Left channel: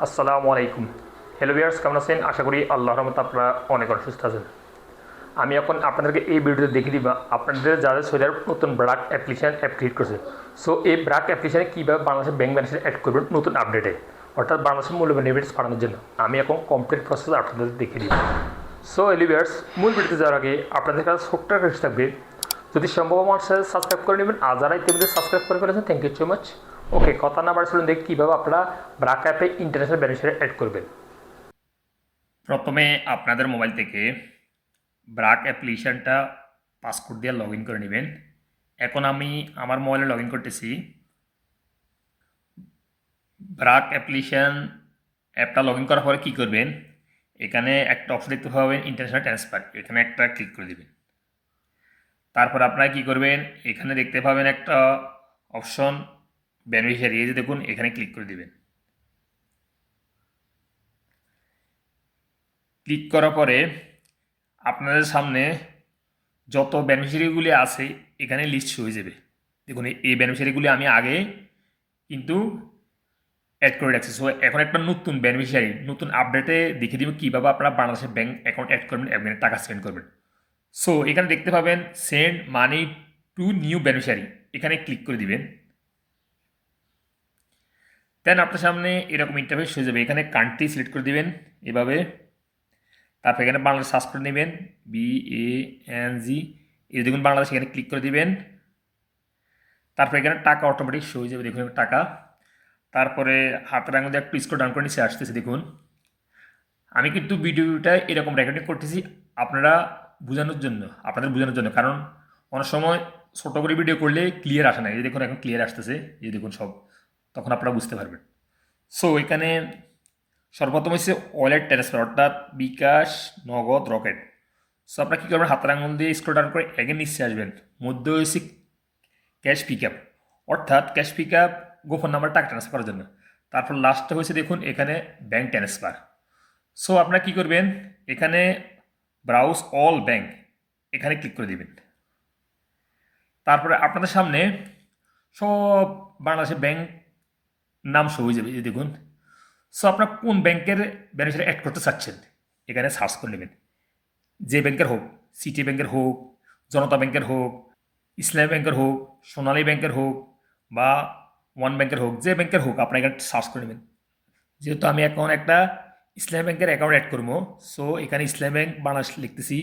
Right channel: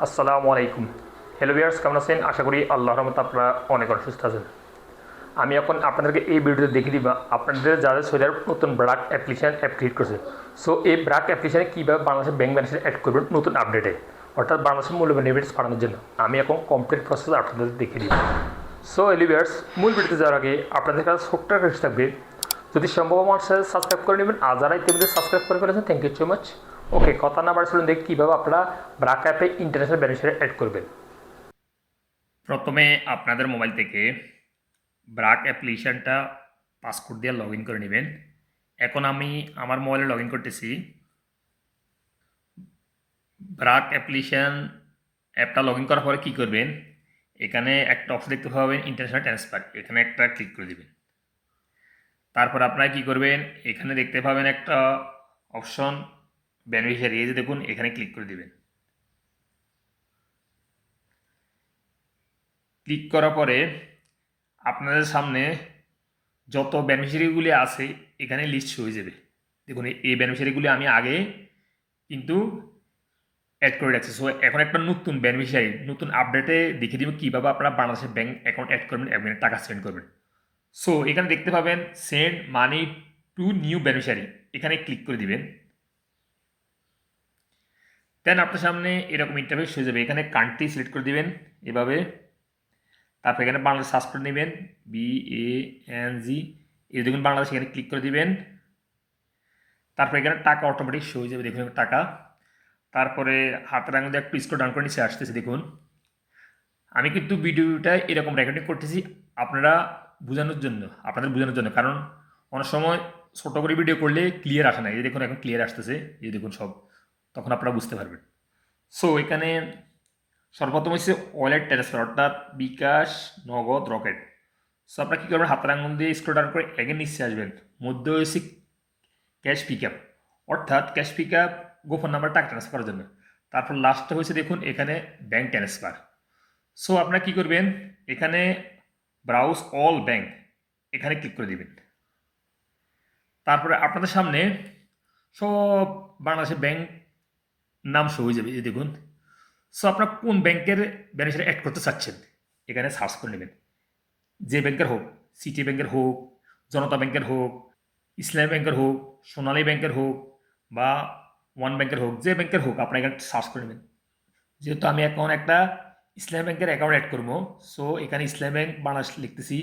আসসালামু আলাইকুম। Hello viewers, কেমন আছেন? আশা করি আল্লাহর রহমতে আপনারা অনেক সুস্থ আছেন। আমি এখন আপনাদেরকে এই ভিডিওতে দেখিয়ে দিব আপনাদের যাদের সোলার নতুন ব্রাক অ্যাপ্লিকেশন অ্যাপ ক্রিয়েট করছে। সো এই ব্রাক অ্যাপ্লিকেশনে কীভাবে বাংলাদেশের ব্যাংক ব্যালেন্সে অ্যাড করবেন নতুন আপডেটে, অর্থাৎ বাংলাদেশের মূল্য বেনিফিটস বাড়ানোর জন্য আমি এখন কমপ্লিট প্রসেস আপনাদের দেখিয়ে দিই। সো হ্যালো ভিউয়ার্স, মূল ভিডিওতে যাওয়ার আগে আপনাদের কাছে ছোট্ট রিকোয়েস্ট থাকবে, যদি সম্ভব আমার সাথে সাবস্ক্রাইব করে নেবেন। আর যারা ইতিমধ্যে সাবস্ক্রাইব করে ফেলেছেন, থ্যাংক ইউ সো মাচ। ওকে, কথা না বাড়ি চলুন দেখি কীভাবে আপনারা ব্রাক অ্যাপে ইন্টারন্যাশনাল বেনিফিট অ্যাড করবেন। প্রথমে আপনাদের মোবাইল থেকে ব্রাক অ্যাপ্লিকেশনটা পাসওয়ার্ড দিয়ে লগ ইন করে নেবেন। এখন আমি আমার মোবাইলে লগ ইন করতেছি। ব্রাক অ্যাপ্লিকেশন অ্যাপটা লগ ইন করার পরে কী করবেন, এখানে একটা অপশন দেখতে পাবেন ইন্টারন্যাশনাল ট্রান্সফার, এখানে একটা ক্লিক করে দেবেন। তারপর আপনারা কী করবেন, এখানে দেখতে পাবেন একটা অপশন বেনিফিশিয়ারি, এই যে দেখুন এখানে ক্লিক করে দেবেন। ক্লিক করার পরে আপনাদের সামনে যত বেনিফিশিয়ারিগুলি আছে এখানে লিস্ট হয়ে যাবে। দেখুন এই বেনিফিশিয়ারিগুলি আমি আগে কিন্তু অ্যাড করে রাখছি। সো এখন একটা নতুন বেনিফিশিয়ারি নতুন আপডেটে দেখিয়ে দিব কীভাবে আপনারা বাংলাদেশের ব্যাঙ্ক অ্যাকাউন্ট অ্যাড করবেন এবং টাকা সেন্ড করবেন। সো এখানে দেখতে পাবেন send money to new beneficiary, এখানে ক্লিক করে দিবেন। দেন আপনার সামনে এরকম ইন্টারফেস হয়ে যাবে। এখানে কান্ট্রি সিলেক্ট করে দিবেন এভাবে। তারপর এখানে বাংলাদেশ সার্চ করে নেবেন, BANG, এই দেখুন বাংলাদেশ, এখানে ক্লিক করে দিবেন। তারপর এখানে টাকা অটোমেটিক শো হয়ে যাবে, দেখুন টাকা। তারপরে হাতের আঙুল দিয়ে একটু স্ক্রল ডাউন করে নিচে আসতেছে। দেখুন আমি কিন্তু ভিডিওটা এরকম রেকর্ডিং করতেছি আপনারা বোঝানোর জন্য, আপনাদের বোঝানোর জন্য, কারণ অনেক সময় ছোটো করে ভিডিও করলে ক্লিয়ার আসে না। এই দেখুন এখন ক্লিয়ার আসতেছে, এই দেখুন সব, তখন আপনারা বুঝতে পারবেন। সো এখানে সর্বপ্রথম হচ্ছে ওয়ালেট ট্রান্সফার, অর্থাৎ বিকাশ, নগদ, রকেট। সো আপনারা কী করবেন, হাতের আঙুল দিয়ে স্ক্রল ডাউন করে এগেন নিচে আসবেন। মধ্যে হচ্ছে ক্যাশ পিক আপ, অর্থাৎ ক্যাশ পিক আপ গোপন নাম্বার টাকা ট্রান্সফার করার জন্য। তারপর লাস্টে হয়েছে দেখুন এখানে ব্যাঙ্ক ট্রান্সফার। সো আপনারা কী করবেন, এখানে ব্রাউজ অল ব্যাঙ্ক, এখানে ক্লিক করে দেবেন। তারপরে আপনাদের সামনে সব বাংলাদেশের ব্যাঙ্ক নাম শো হয়ে যাবে, এই দেখুন। সো আপনার কোন ব্যাংকের বেনিফিশিয়ারি অ্যাড করতে চাচ্ছেন এখানে সার্চ করে নেবেন। যে ব্যাংকের হোক, সিটি ব্যাংকের হোক, জনতা ব্যাংকের হোক, ইসলামী ব্যাংকের হোক, সোনালী ব্যাংকের হোক বা ওয়ান ব্যাংকের হোক, যে ব্যাংকের হোক আপনার এখানে সার্চ করে নেবেন। যেহেতু আমি এখন একটা ইসলামী ব্যাংকের অ্যাকাউন্ট অ্যাড করবো, সো এখানে ইসলামী ব্যাংক বাংলাদেশ লিখতেছি।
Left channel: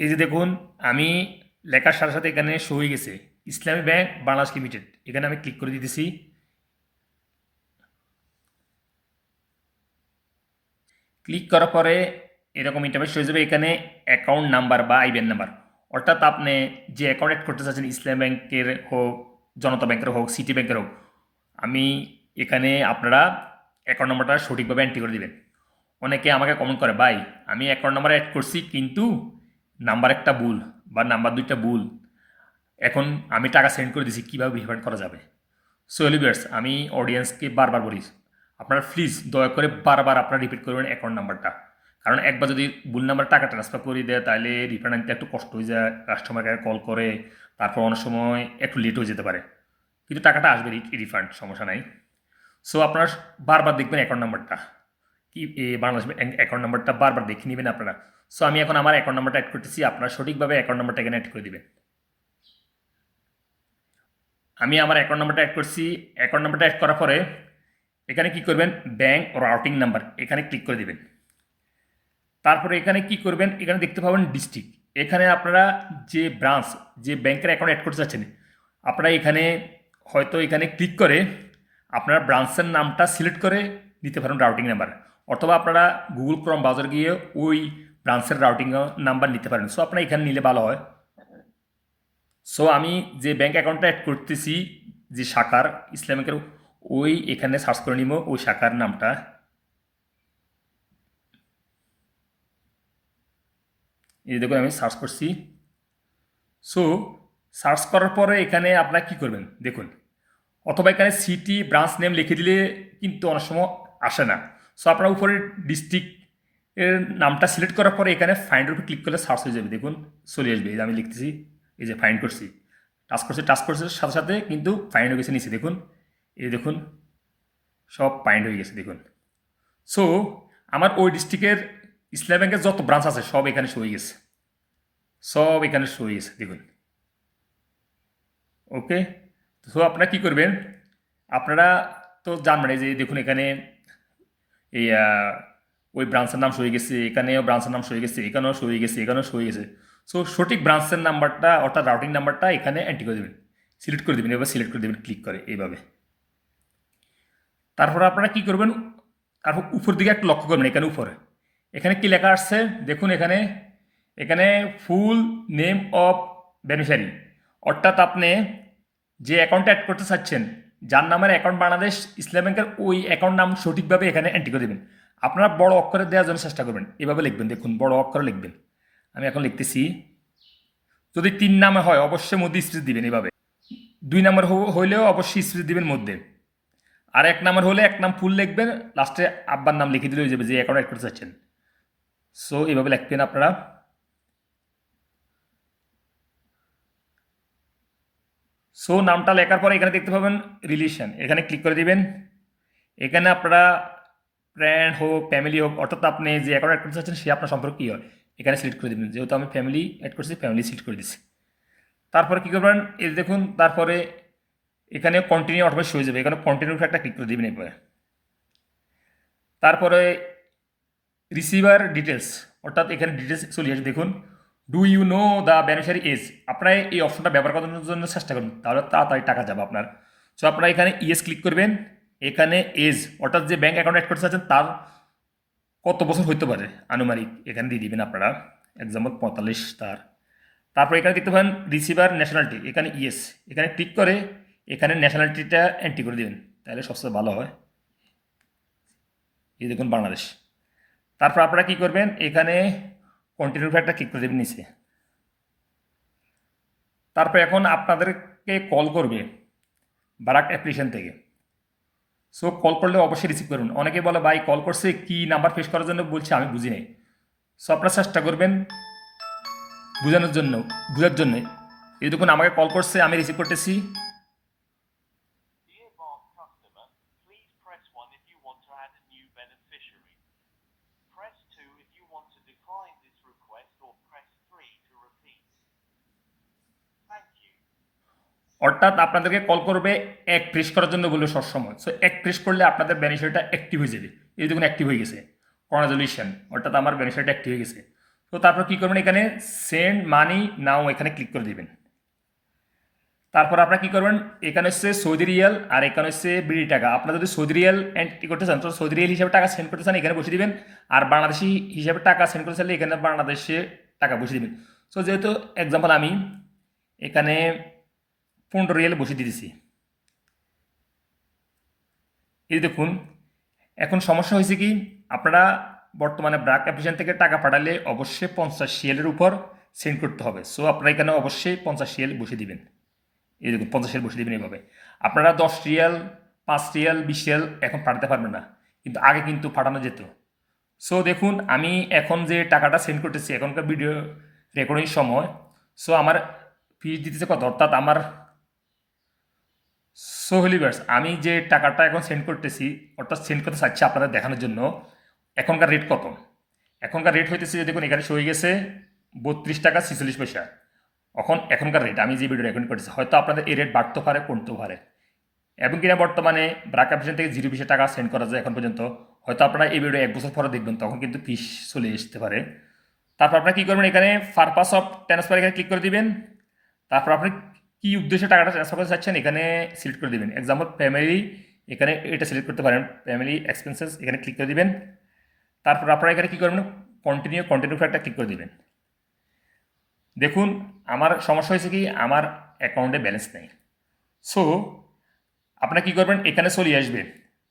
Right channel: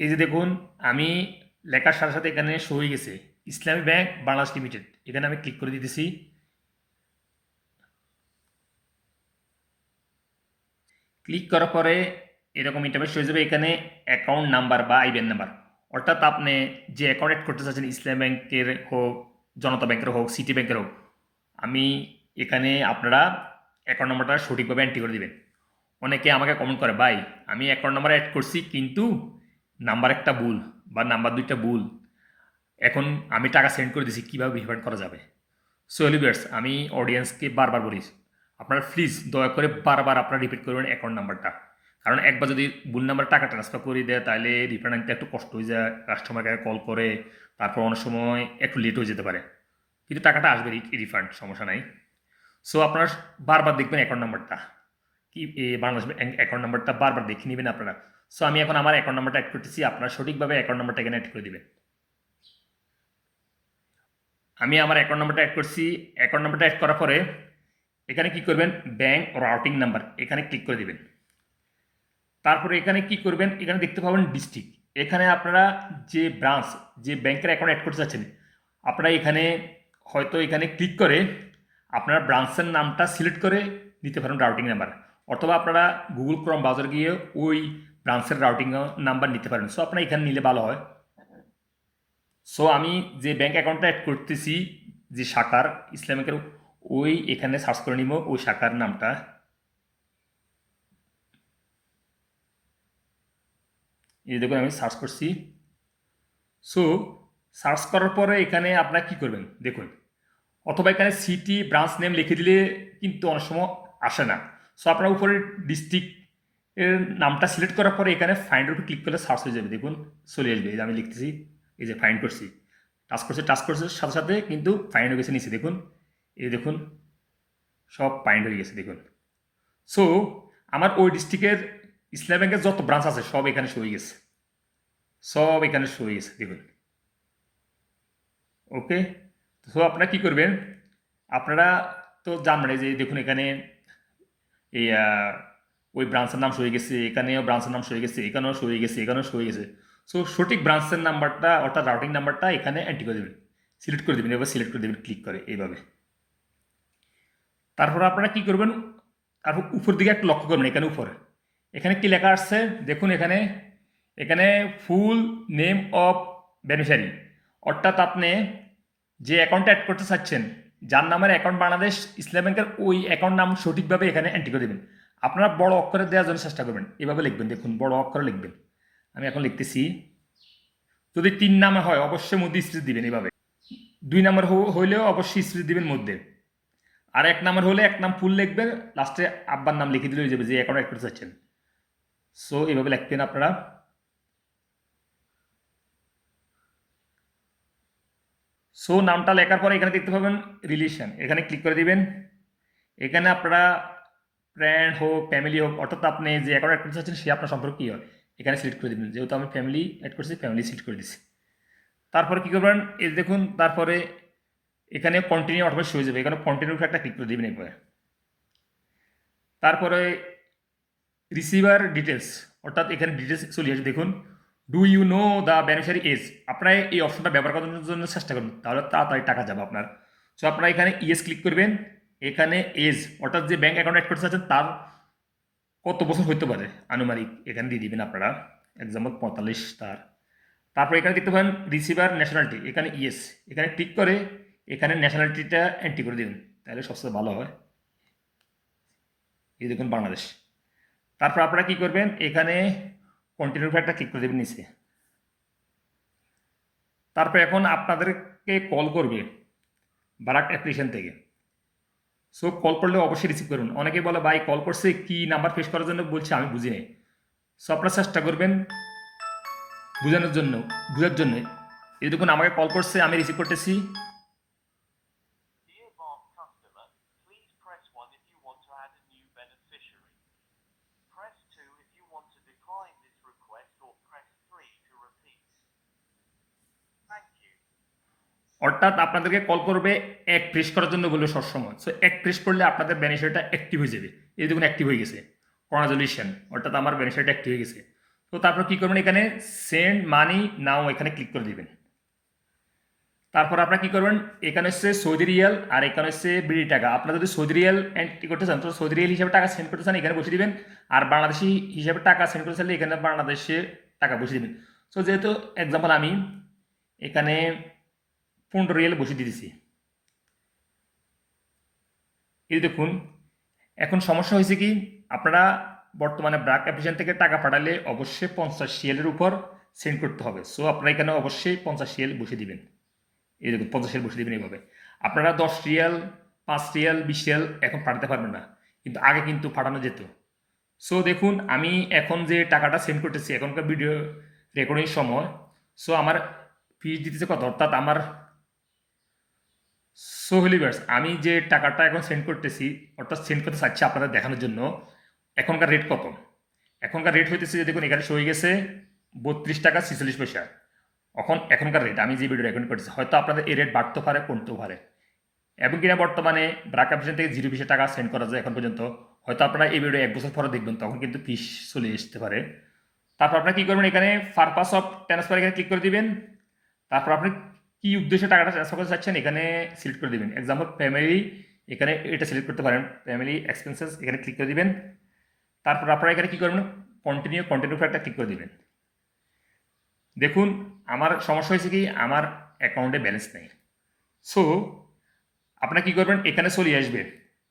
এই যে দেখুন আমি লেখার সাথে সাথে এখানে শো হয়ে গেছে ইসলামী ব্যাংক বাংলাদেশ লিমিটেড, এখানে আমি ক্লিক করে দিতেছি। ক্লিক করার পরে এরকম ইন্টারফেস হয়ে যাবে। এখানে অ্যাকাউন্ট নাম্বার বা আইবিএন নাম্বার, অর্থাৎ আপনি যে অ্যাকাউন্ট অ্যাড করতে চাচ্ছেন, ইসলাম ব্যাংকের হোক, জনতা ব্যাংকের হোক, সিটি ব্যাংকের হোক, আমি এখানে আপনারা অ্যাকাউন্ট নাম্বারটা সঠিকভাবে এন্ট্রি করে দেবেন। অনেকে আমাকে কমেন্ট করে, ভাই আমি অ্যাকাউন্ট নাম্বার অ্যাড করছি কিন্তু নাম্বার একটা ভুল বা নাম্বার দুইটা ভুল, এখন আমি টাকা সেন্ড করে দিছি, কীভাবে রিফান্ড করা যাবে? সো এলিভিয়ার্স, আমি অডিয়েন্সকে বারবার বলি, আপনারা প্লিজ দয়া করে বারবার আপনারা রিপিট করবেন অ্যাকাউন্ট নাম্বারটা, কারণ একবার যদি ভুল নাম্বার টাকা ট্রান্সফার করে দেয় তাহলে রিফান্ড আনতে একটু কষ্ট হয়ে যায়, কাস্টমারকে কল করে, তারপর অনেক সময় একটু লেট হয়ে যেতে পারে, কিন্তু টাকাটা আসবে রিফান্ড, সমস্যা নাই। সো আপনারা বারবার দেখবেন অ্যাকাউন্ট নাম্বারটা কি, বাংলাদেশ অ্যাকাউন্ট নাম্বারটা বারবার দেখে নেবেন আপনারা। সো আমি এখন আমার অ্যাকাউন্ট নাম্বারটা অ্যাড করতেছি, আপনারা সঠিকভাবে অ্যাকাউন্ট নাম্বারটা এখানে অ্যাড করে দেবেন। আমি আমার অ্যাকাউন্ট নাম্বারটা অ্যাড করছি। অ্যাকাউন্ট নাম্বারটা অ্যাড করার পরে এখানে কি করবেন, ব্যাংক রাউটিং নাম্বার, এখানে ক্লিক করে দিবেন। তারপরে এখানে কি করবেন, এখানে দেখতে পাবেন ডিস্ট্রিক্ট, এখানে আপনারা যে ব্রাঞ্চ, যে ব্যাংকের অ্যাকাউন্ট অ্যাড করতে চাচ্ছেন, আপনারা এখানে হয়তো এখানে ক্লিক করে আপনারা ব্রাঞ্চের নামটা সিলেক্ট করে নিতে পারেন রাউটিং নাম্বার, অথবা আপনারা গুগল ক্রোম ব্রাউজার গিয়ে ওই ব্রাঞ্চের রাউটিং নাম্বার নিতে পারেন। সো আপনারা এখানে নিলে ভালো হয়। সো আমি যে ব্যাংক অ্যাকাউন্টটা অ্যাড করতেছি, যে শাখার ইসলামিকের, ওই এখানে সার্চ করে নিব ওই শাখার নামটা। এই দেখুন আমি সার্চ করছি। সো সার্চ করার পরে এখানে আপনারা কী করবেন দেখুন, অথবা এখানে সিটি ব্রাঞ্চ নেম লিখে দিলে কিন্তু অনেক সময় আসে না। সো আপনারা উপরে ডিস্ট্রিক্ট এর নামটা সিলেক্ট করার পরে এখানে ফাইন্ডের উপর ক্লিক করলে সার্চ হয়ে যাবে, দেখুন চলে আসবে। এই যে আমি লিখতেছি, এই যে ফাইন্ড করছি, টাচ করছে সাথে সাথে কিন্তু ফাইন্ড হয়ে গেছে নিচে, দেখুন এই দেখুন সব ফাইন্ড হয়ে গেছে দেখুন। সো আমার ওই ডিস্ট্রিক্টের ইসলামী ব্যাংকের যত ব্রাঞ্চ আছে সব এখানে শো হয়ে গেছে, সব এখানে শো হয়ে গেছে দেখুন। ওকে, তো আপনারা কী করবেন, আপনারা তো জানবেন এই যে দেখুন এখানে এই ওই ব্রাঞ্চের নাম শো হয়ে গেছে, এখানেও ব্রাঞ্চের নাম শো হয়ে গেছে, এখানেও শো হয়ে গেছে, এখানেও শো হয়ে গেছে। সো সঠিক ব্রাঞ্চের নাম্বারটা অর্থাৎ রাউটিং নাম্বারটা এখানে এন্ট্রি করে দেবেন, সিলেক্ট করে দেবেন, এবার সিলেক্ট করে দেবেন ক্লিক করে এইভাবে। তারপর আপনারা কী করবেন, তারপর উপর দিকে একটু লক্ষ্য করবেন, এখানে উপরে এখানে কি লেখা আসছে দেখুন, এখানে এখানে ফুল নেম অফ বেনিফিশিয়ারি, অর্থাৎ আপনি যে অ্যাকাউন্টটা অ্যাড করতে চাচ্ছেন, যার নামের অ্যাকাউন্ট বাংলাদেশ ইসলামী ব্যাংকের, ওই অ্যাকাউন্ট নাম সঠিকভাবে এখানে এন্ট্রি করে দেবেন। আপনারা বড় অক্ষরে দেওয়ার জন্য চেষ্টা করবেন, এভাবে লিখবেন, দেখুন বড় অক্ষরে লিখবেন। আমি এখন লিখতেছি, যদি 3 নামে হয় অবশ্যই মধ্যে স্পেস দিবেন এভাবে, 2 নাম্বার হইলেও অবশ্যই স্পেস দিবেন মধ্যে, আর 1 নাম্বার হলে 1 নাম ফুল লিখবেন, লাস্টে আব্বার নাম লিখে দিলে হয়ে যাবে যে অ্যাকাউন্ট অ্যাড করতে চাচ্ছেন। সো এভাবে লিখবেন আপনারা। সো নামটা লেখার পরে এখানে দেখতে পাবেন রিলেশন, এখানে ক্লিক করে দিবেন। এখানে আপনারা ফ্রেন্ড হোক ফ্যামিলি হোক, অর্থাৎ আপনি যে অ্যাকাউন্ট অ্যাড করতে চাচ্ছেন সে আপনার সম্পর্ক কী হয় এখানে সিলেক্ট করে দেবেন, যেহেতু আমি ফ্যামিলি অ্যাড করছি ফ্যামিলি সিলেক্ট করে দিচ্ছি। তারপরে কী করবেন, এই দেখুন তারপরে এখানে কন্টিনিউ অটোমেটিক হয়ে যাবে, এখানে কন্টিনিউ একটা ক্লিক করে দেবেন এরপরে। তারপরে রিসিভার ডিটেলস, অর্থাৎ এখানে ডিটেলস চলে আসবে, দেখুন do you know the beneficiary age, আপনারা এই অপশনটা ব্যবহার করার জন্য চেষ্টা করুন, তাহলে তাড়াতাড়ি টাকা যাবে আপনার। সো আপনারা এখানে ইয়েস ক্লিক করবেন, এখানে এজ অর্থাৎ যে ব্যাঙ্ক অ্যাকাউন্ট অ্যাড করতে চাচ্ছেন তার কত বছর হইতে পারে আনুমানিক এখানে দিয়ে দিবেন আপনারা, এক্সাম্পল 45 তার। তারপর এখানে দেখতে পাবেন রিসিভার ন্যাশনালিটি, এখানে ইয়েস, এখানে ক্লিক করে এখানে ন্যাশনালিটিটা এন্ট্রি করে দেবেন, তাহলে সবচেয়ে ভালো হয়। এই দেখুন বাংলাদেশ। তারপর আপনারা কী করবেন, এখানে কন্টিনিউ একটা ক্লিক করে দেবেন নিচে। তারপর এখন আপনাদেরকে কল করবে বারাক অ্যাপ্লিকেশন থেকে। সো কল করলে অবশ্যই রিসিভ করুন। অনেকে বলে ভাই কল করছে কি নাম্বার ফেস করার জন্য বলছে, আমি বুঝি নাই। সো আপনারা চেষ্টা করবেন বোঝার জন্য। এই দেখুন আমাকে কল করছে, আমি রিসিভ করতেছি। Dear Bark customer, please press 1 if you want to add a new beneficiary. Press 2 if you want to decline this request or press 3 to repeat. Thank you. অর্থাৎ আপনাদেরকে কল করবে 1 প্রেস করার জন্য বলবে সবসময়। সো 1 প্রেস করলে আপনাদের বেনিফিটটা active হয়ে যাবে। এই দেখুন অ্যাক্টিভ হয়ে গেছে, কনগ্রাচুলেশন, অর্থাৎ আমার বেনিফিটটা অ্যাক্টিভ হয়ে গেছে। তো তারপর কী করবেন, এখানে সেন্ড মানি নাও এখানে ক্লিক করে দেবেন। তারপর আপনারা কী করবেন, এখানে হচ্ছে সৌদি রিয়াল আর এখানে হচ্ছে বিডি টাকা। আপনারা যদি সৌদি রিয়াল এন্ট্রি করতে চান তো সৌদি রিয়াল হিসাবে টাকা সেন্ড করতে চান এখানে বসে দিবেন, আর বাংলাদেশি হিসাবে টাকা সেন্ড করতে চাইলে এখানে বাংলাদেশে টাকা বসে দিবেন। সো যেহেতু এক্সাম্পল আমি এখানে 15 রিয়াল বসে দিয়ে দিছি। এই দেখুন এখন সমস্যা হয়েছে কি, আপনারা বর্তমানে ব্রাক অ্যাপ্লিকেশন থেকে টাকা পাঠালে অবশ্যই 50 রিয়ালের উপর সেন্ড করতে হবে। সো আপনারা এখানে অবশ্যই 50 রিয়াল বসে দিবেন। এই দেখুন 50 রিয়াল বসে দেবেন এইভাবে। আপনারা 10 রিয়াল 5 রিয়াল 20 রিয়াল এখন পাঠাতে পারবেন না, কিন্তু আগে কিন্তু পাঠানো যেত। সো দেখুন আমি এখন যে টাকাটা সেন্ড করতেছি এখনকার ভিডিও রেকর্ডিং সময়, সো আমার ফিস দিতেছে কত, অর্থাৎ আমার সো হলিভার্স আমি যে টাকাটা এখন সেন্ড করতেছি অর্থাৎ সেন্ড করতে চাচ্ছি আপনাদের দেখানোর জন্য, এখনকার রেট কত। এখনকার রেট হইতেছে যে দেখুন এখানে হয়ে গেছে 32 টাকা 46 পয়সা। এখনকার রেট আমি যে ভিডিও রেকর্ড করতেছি, হয়তো আপনাদের এই রেট বাড়তে পারে কমতেও পারে। এবং কিনা বর্তমানে ব্রাক অ্যাপ্লিকেশন থেকে 0 পয়সা টাকা সেন্ড করা যায় এখন পর্যন্ত। হয়তো আপনারা এই ভিডিও 1 বছর পরে দেখবেন, তখন কিন্তু ফিস চলে আসতে পারে। তারপর আপনারা কী করবেন, এখানে পারপাস অফ ট্রান্সফার এখানে ক্লিক করে দিবেন। তারপর আপনি কী উদ্দেশ্যে টাকাটা ট্রান্সফার করতে চাচ্ছেন এখানে সিলেক্ট করে দেবেন। এক্সাম্পল ফ্যামিলি, এখানে এটা সিলেক্ট করতে পারেন, ফ্যামিলি এক্সপেন্সেস এখানে ক্লিক করে দিবেন। তারপর আপনারা এখানে কী করবেন, কন্টিনিউ একটা ক্লিক করে দেবেন। দেখুন আমার সমস্যা হয়েছে কি, আমার অ্যাকাউন্টে ব্যালেন্স নেই। সো আপনারা কী করবেন, এখানে চলে আসবে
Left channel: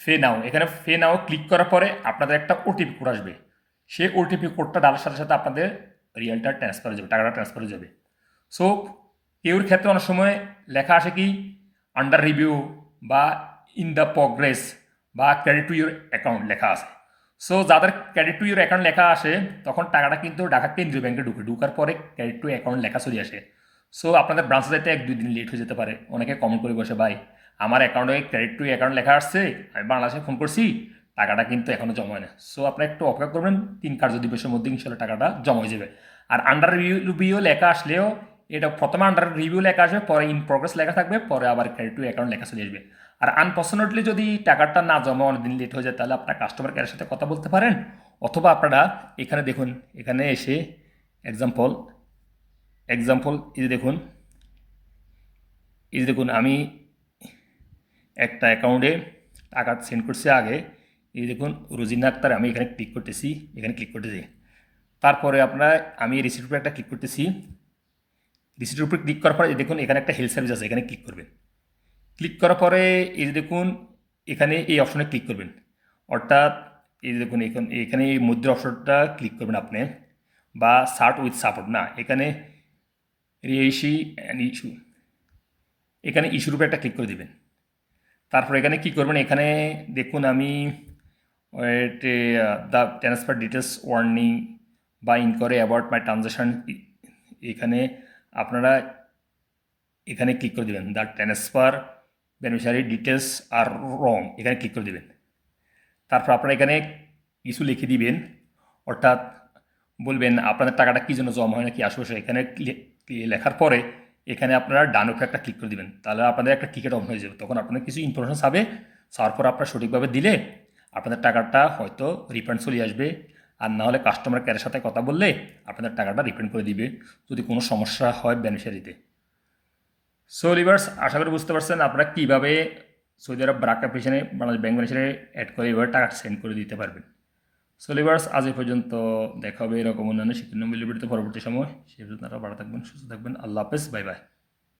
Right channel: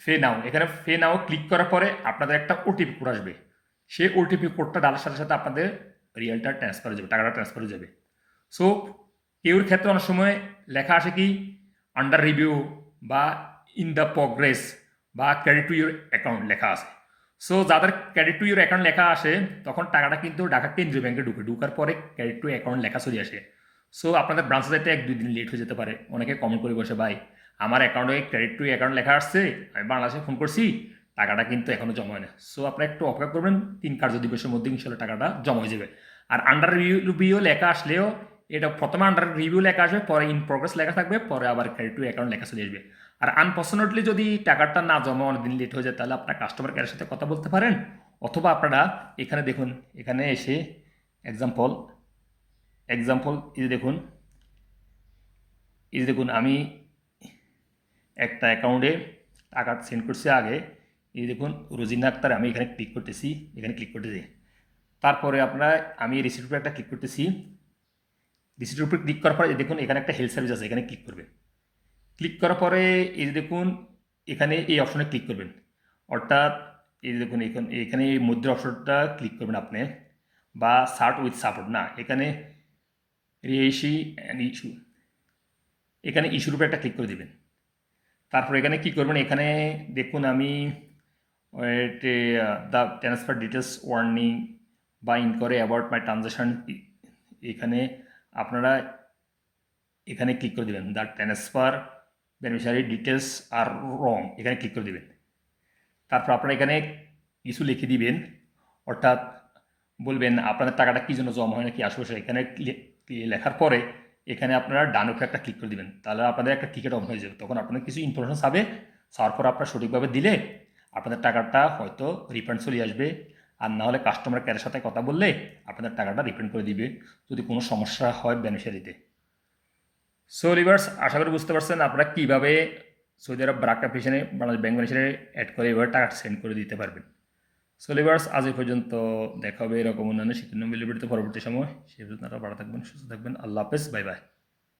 পে নাও, এখানে পে নাও ক্লিক করার পরে আপনাদের একটা ওটিপি কোড আসবে। সেই ওটিপি কোডটা ডালার সাথে সাথে আপনাদের রিয়ালটা ট্রান্সফার হয়ে যাবে, টাকাটা ট্রান্সফার হয়ে যাবে। সো কেউর ক্ষেত্রে অনেক সময় লেখা আসে কি আন্ডার রিভিউ বা ইন দ্য প্রগ্রেস বা ক্রেডিট টু ইউর অ্যাকাউন্ট লেখা আছে। সো যাদের ক্রেডিট টু ইউর অ্যাকাউন্ট লেখা আসে তখন টাকাটা কিন্তু ঢাকা কেন্দ্রীয় ব্যাংকে ঢুকার পরে ক্রেডিট টু অ্যাকাউন্ট লেখা চলে আসে। সো আপনাদের ব্রাঞ্চে যেতে 1-2 দিন লেট হয়ে যেতে পারে। অনেকে কমেন্ট করে বসে, ভাই আমার অ্যাকাউন্টে ক্রেডিট টু অ্যাকাউন্ট লেখা আসছে, আমি বাংলাদেশে ফোন করছি, টাকাটা কিন্তু এখনও জমা হয় না। সো আপনারা একটু অপেক্ষা করবেন, 3 কার্য দিবসের মধ্যে ইনশাল্লাহ টাকাটা জমা হয়ে যাবে। আর আন্ডার রিভিউ লেখা আসলেও এটা প্রথমে আন্ডার রিভিউ লেখা আসবে, পরে ইন প্রগ্রেস লেখা থাকবে, পরে আবার ক্রেডিট টু অ্যাকাউন্ট লেখা চলে আসবে। আর আনফর্চুনেটলি যদি টাকাটা না জমা অনেকদিন লেট হয়ে যায় তাহলে আপনার কাস্টমার কেয়ারের সাথে কথা বলতে পারেন, অথবা আপনারা এখানে দেখুন, এখানে এসে এক্সাম্পল এই যে দেখুন আমি একটা অ্যাকাউন্টে টাকা সেন্ড করছি আগে, এই দেখুন রোজিনা আক্তার, আমি এখানে ক্লিক করতেছি, তারপরে আমি রিসিপ্ট উপরে একটা ক্লিক করতেছি, রিসিপ্টের উপরে ক্লিক করার পরে এই দেখুন এখানে একটা হেল্প সার্ভিস আছে, এখানে ক্লিক করবেন। ক্লিক করার পরে এই যে দেখুন এখানে এই অপশনে ক্লিক করবেন, অর্থাৎ এই যে দেখুন এখানে এই মধ্যের অপশনটা ক্লিক করবেন আপনি, বা সার্ট উইথ সাপোর্ট না, এখানে রিএইশি অ্যান্ড ইস্যু, এখানে ইস্যুর উপরে একটা ক্লিক করে দিবেন। তারপর এখানে কি করবেন, এখানে দেখুন আমি দ্য ট্রান্সফার ডিটেলস ওয়ার্নিং বা ইনকোয়ারি অ্যাবাউট মাই ট্রানজাকশান, এখানে আপনারা এখানে ক্লিক করে দেবেন, দ্য ট্রান্সফার বেনিফিশিয়ারি ডিটেলস আর রং, এখানে ক্লিক করে দেবেন। তারপর আপনারা এখানে কিছু লিখে দিবেন, অর্থাৎ বলবেন আপনাদের টাকাটা কী জন্য জমা হয় না কি আশেপাশে, এখানে লেখার পরে এখানে আপনারা ডান উপরে একটা ক্লিক করে দিবেন, তাহলে আপনাদের একটা টিকিট অন হয়ে যাবে। তখন আপনাদের কিছু ইনফরমেশন চাবে, চাওয়ার পর আপনারা সঠিকভাবে দিলে আপনাদের টাকাটা হয়তো রিফান্ড চলে আসবে, আর না হলে কাস্টমার কেয়ারের সাথে কথা বললে আপনাদের টাকাটা রিফান্ড করে দিবে যদি কোনো সমস্যা হয় বেনিফিশিয়ারিতে। সো লিভার্স, আশা করি বুঝতে পারছেন আপনারা কীভাবে সৌদি আরব ব্রাক অ্যাপ্লিকেশনে বাংলাদেশ ব্যাংক বেনিফিশিয়ারি অ্যাড করে এভাবে টাকা সেন্ড করে দিতে পারবেন। সো লিভার্স, আজ এই পর্যন্ত, দেখা হবে এরকম অন্যান্য শিক্ষণীয় ভিডিওতে পরবর্তী সময়। সে পর্যন্ত আপনারা ভালো থাকবেন, সুস্থ থাকবেন। আল্লাহ হাফেজ, বাই বাই।